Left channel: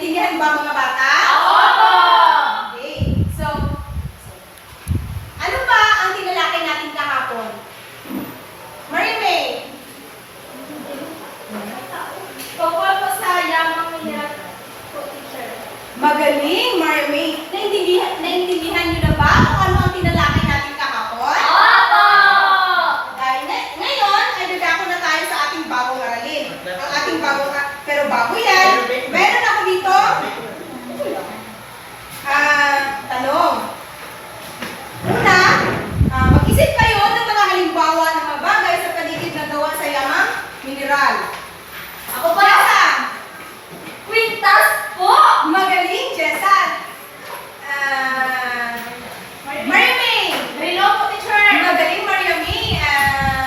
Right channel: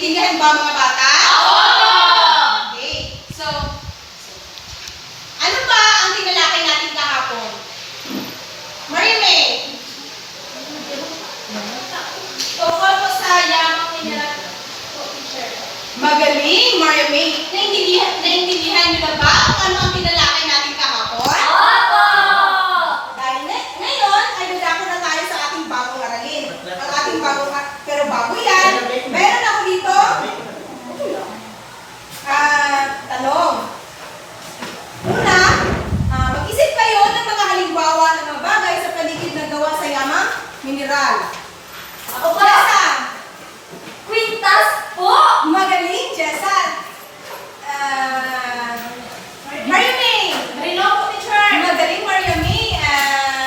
Naintindihan ba mga bata? Oo! Okay. So, ano ba ang tinalakay natin kahapon? Marimay. Tungkol po sa yamang mineral po, teacher. Magaling, Marimay. Naintindihan niyo na ba kung ano ang tinalakay natin kahapon? Opo! Dahil ngayon ay dadako na tayo sa ating bagong aralin. Ang ating bagong, pero bago yan, meron ako dito. Tanong. Una, mag-isip kayo ng mga halimbawa ng mga bagay sa paligid na gawa sa yamang mineral. Ako po! Jessa! Quintas po! Magaling, Jessa! Mariamay! Rino po, teacher. Magaling, Mariamay!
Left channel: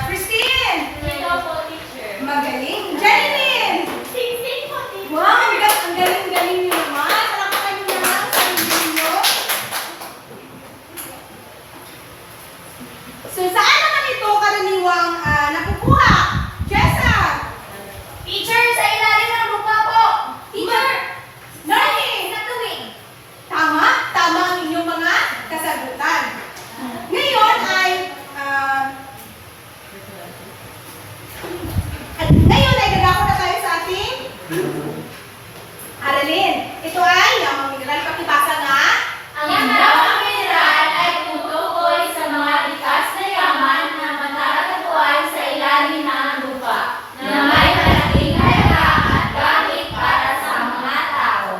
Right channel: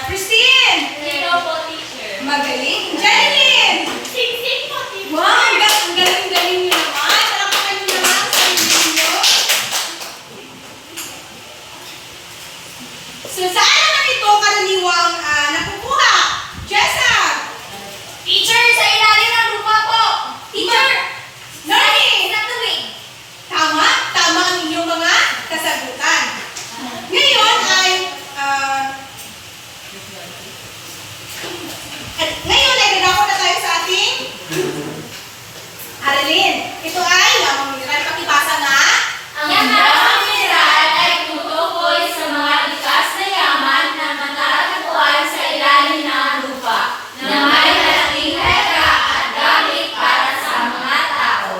Christine! Rino po, teacher. Magaling, Jeline! Sing-sing po, teacher. Wow, ang galing-galing niyo naman! Palakpakan niyo naman sa inyo. So, saan naman ito karaniwang nakukuha? Jessa! Teacher, sa ilalim ng lupa po. Teacher! Learning! Sa tuwing. Tama ang inyong mga kasagutan. Ngayon ay dadako na tayo sa ating aralin. Ito ay yamang mineral. Pakibasa nga. Ang yamang mineral ay tumutukoy sa mga likas na yaman na matatagpuan sa ilalim ng lupa na may malaking halaga at gamit para sa mga tao.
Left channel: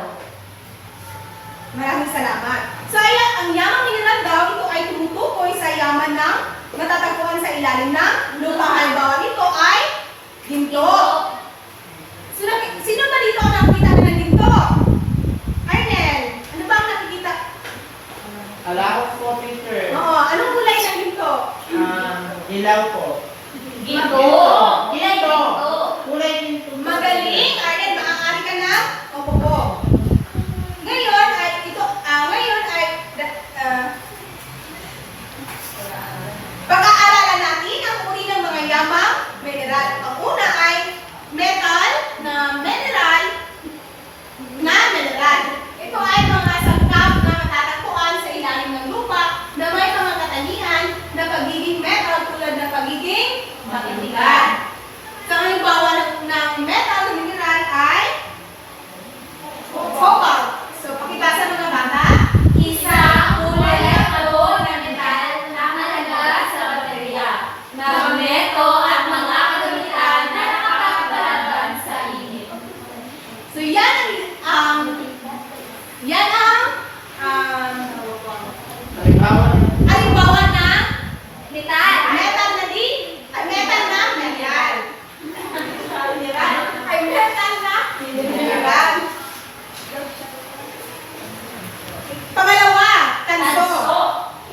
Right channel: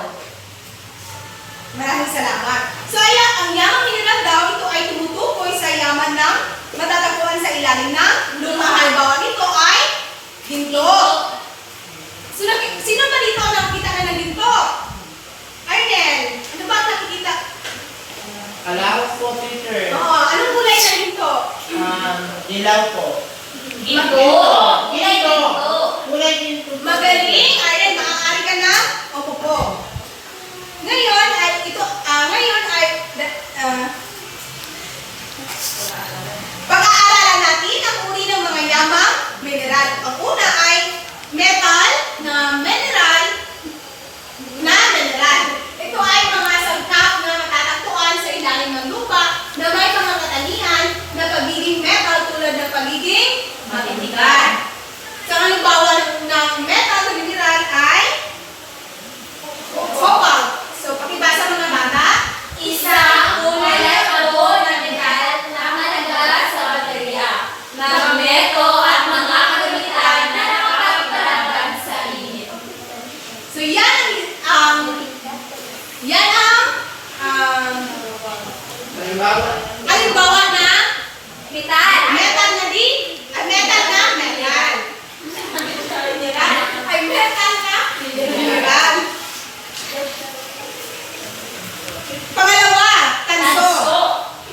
Maraming salamat. So, ang yamang mineral daw, ito ay tumutukoy sa yaman ng matatagpuan sa ilalim ng lupa. Halimbawa nito ay ginto. So, sino ba dito ang nakikita na ng ginto? Arnel, ano ba ang nakikita? Alawak po, teacher. Oo, anong kulay ng ginto? Dilaw po. Ginto! Ilay ginto! Kulay ginto. Magaling! Arnel, maaari ka na? Opo po. Ngayon ay pag-aaralan natin ang uri ng mga yamang mineral. Ang una ay metal na mineral. Ito ay mga sangkap na natatagpuan sa ilalim ng lupa na may mga katangian na pagiging metal tulad ng pagiging matitigan. So, ang halimbawa ng metal na mineral ay cobalt. So, pakibasa mga bata. Isa kulay abo na metal na mahalaga sa baterya, magneto at mga kagamitan na nakakapaglaban sa init. So, yan ang halimbawa na Metal! metal na metal na metal. Ay, metal na mineral. Pangalawa, tanso.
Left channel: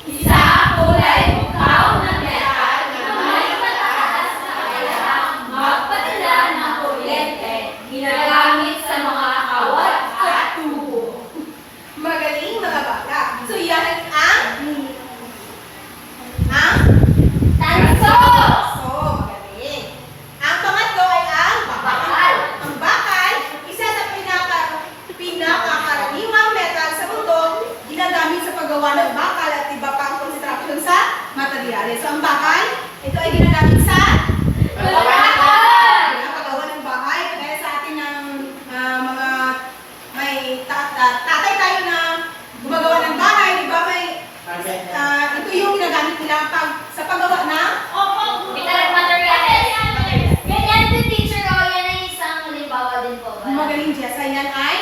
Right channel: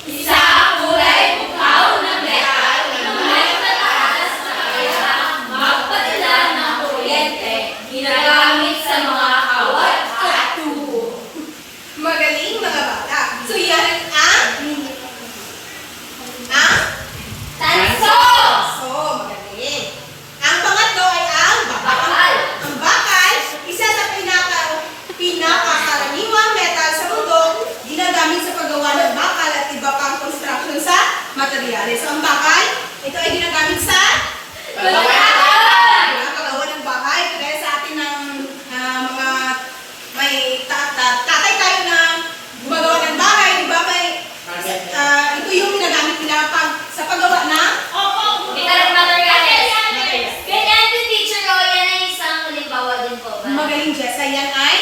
Isa kulay bukaw na metal na may mataas na kayahang magpadala ng kuryente, ginagamit sa mga kawat at tubo. Magaling mga bata. So, yan ang Tanso! so, magaling. Ang pangatlo ay ang bakal. Ang bakal, isa sa pinakakaraniwang metal sa mundo, ginagamit sa paggawa ng bakal at iba pang construction sa materyales. So, ang bakal, ito ay ginagamit sa paggawa ng bahay. Kaya sa atin ng mga may tatay tayo na gumagawa ng bahay, di ba? Ito yung ginagamit nila sa paggawa ng Metal materials. Ganyan din, teacher. O, yan ay isang halimbawa din po ba? magaling Jessa. Yan ay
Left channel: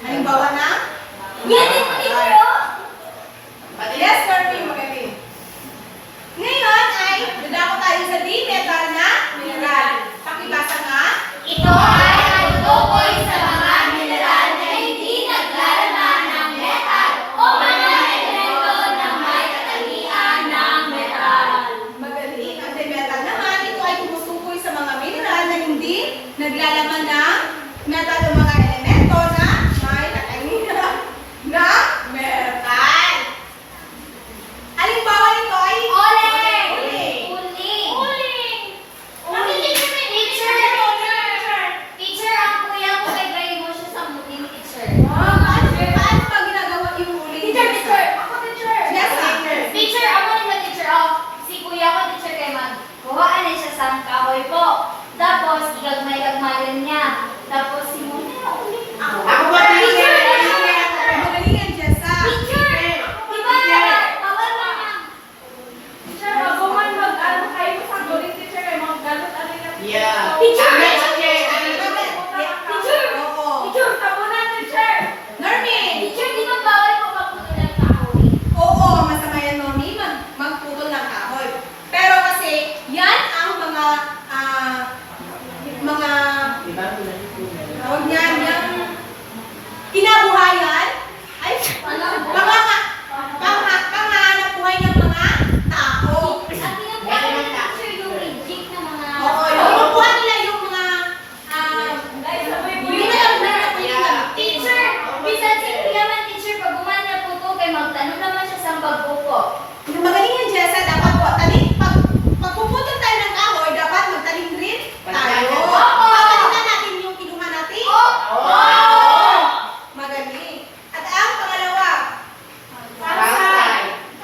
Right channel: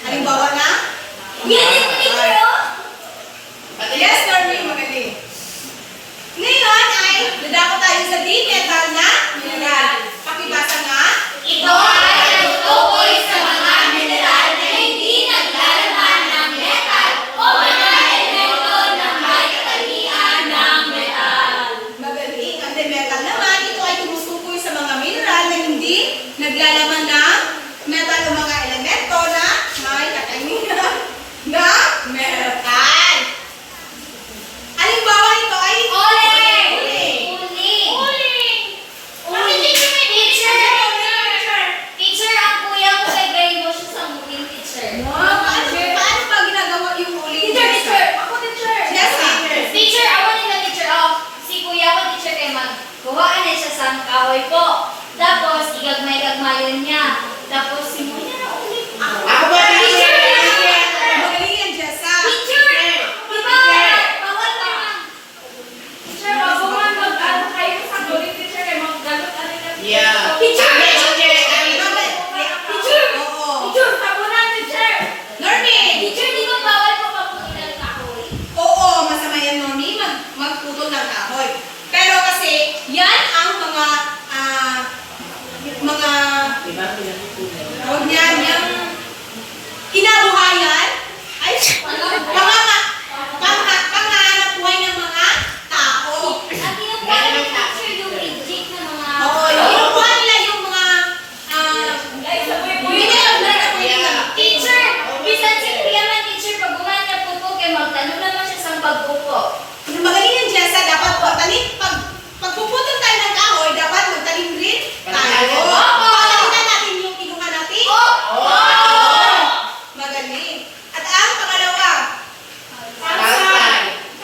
halimbawa na Yan din, teacher. O. yes, Norby, magaling. Ngayon ay dadako tayo sa di-metal na mineral. Pakibasa nga. Ito ay ang tukoy sa mga mineral na hindi naglalaman ng metal o mga elemento na may katangian ng metal. Magaling. Ang di-metal naman, ito ay tumutukoy sa mga mineral na hindi naglalaman ng metal o mga elemento na may katangian ng metal. Halimbawa nito ay Uling! uling. Uling! tawag niyan, yung kinabuhayan, ay, panghanap buhay ng mga tao. Ang kinukuha ng teacher yung reject na mga... Oo, yung kinukuha nila yung mga, hindi na yung Teacher, bisan si Kuyaman teacher, pag gumawa niya po po, kay magtanong naman siya sa pagbuko. Yung magaling yan, Jessa, dapat po, pagpuputol tayo ng kahoy, dapat magtanim rin tayo. Pagkakita natin yung kinuha natin. Magaling. At ang pangalawa,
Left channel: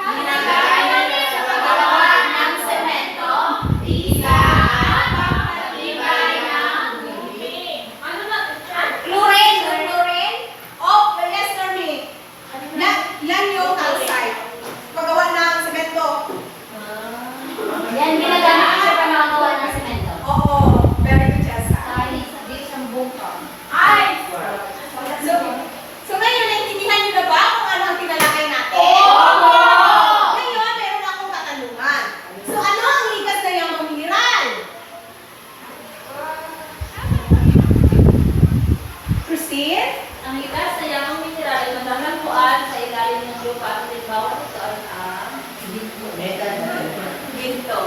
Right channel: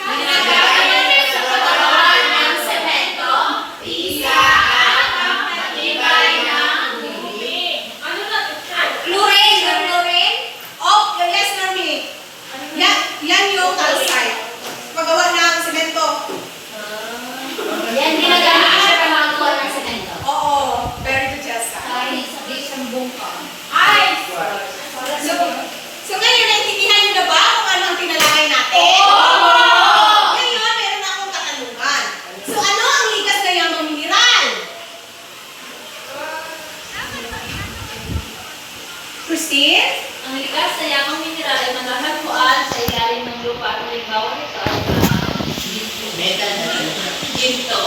Ginagawa sa paggawa ng semento, pisa, at matibay ng dumi. Chlorine, yung chlorine? oh, yes, Normy. Yan yung calcite. Paggawa ng semento. Yan, ginagamit siya para magawa ng semento. Oo, very good, Jessa. Kahit sa isang bungka. So ngayon, naintindihan niyo na ba kung ano ang tinalakay natin? Ngayon, meron akong katanungan. So ano ang ligas na yamang mineral? Christine? Ang likas na yamang mineral ay matatagpuan sa ilalim ng lupa at halimbawa nito ay Metal. ginto.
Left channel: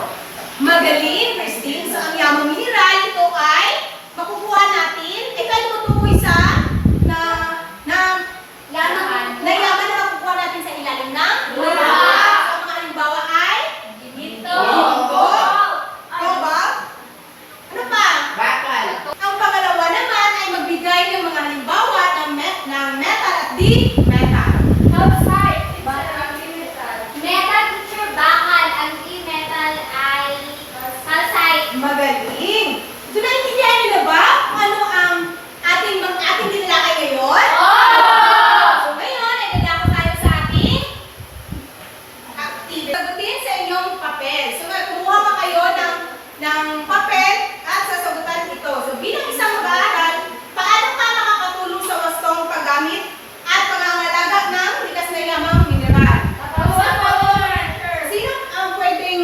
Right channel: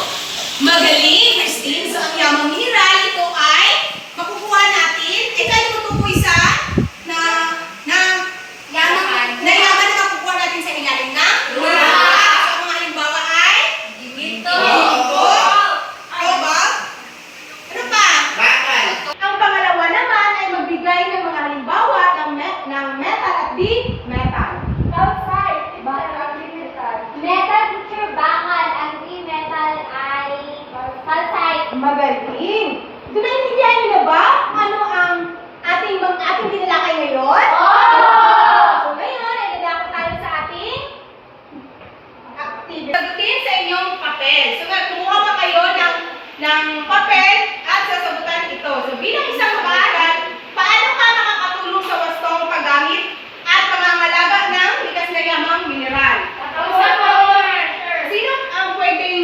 Magaling, Christine. So ang yamang mineral, ito ay makukuha natin. Tayo matukoy sa Yaman. na yaman na makukuha natin sa ilalim ng Lupa. So ang mga halimbawa ay Ginto. cobalt. Ano pa? Bakal. Ang pangalawa naman ay magbigay ng mga halimbawa ng metal at di metal. Metal teacher bakal, ang di-metal ay calcite. Magaling. So naintindihan niyo na ba kung ano ang ating tinalakay ngayon? So ngayon ay dadako tayo sa ating activity. Sagutin sa inyong papel. So kumuha pa kayo ng papel at sasagutan ito. So bilang isang mag-aaral, paano ka makakatulong sa wastong paggamit at pangangalaga ng likas na yamang mineral? Sino ang pwedeng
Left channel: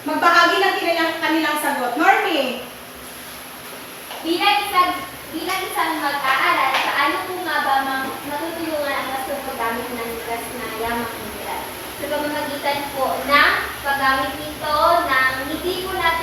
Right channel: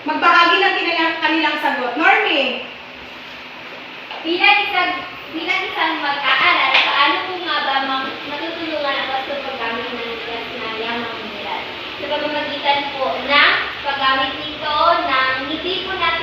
magbahagi ng kanilang sagot? Normie? Bilang isang mag-aaral, paano po nga ba matutulungan ang wastong paggamit ng likas na yamang mineral? Sa pamamagitan po ng paggamit nito ng hindi po natin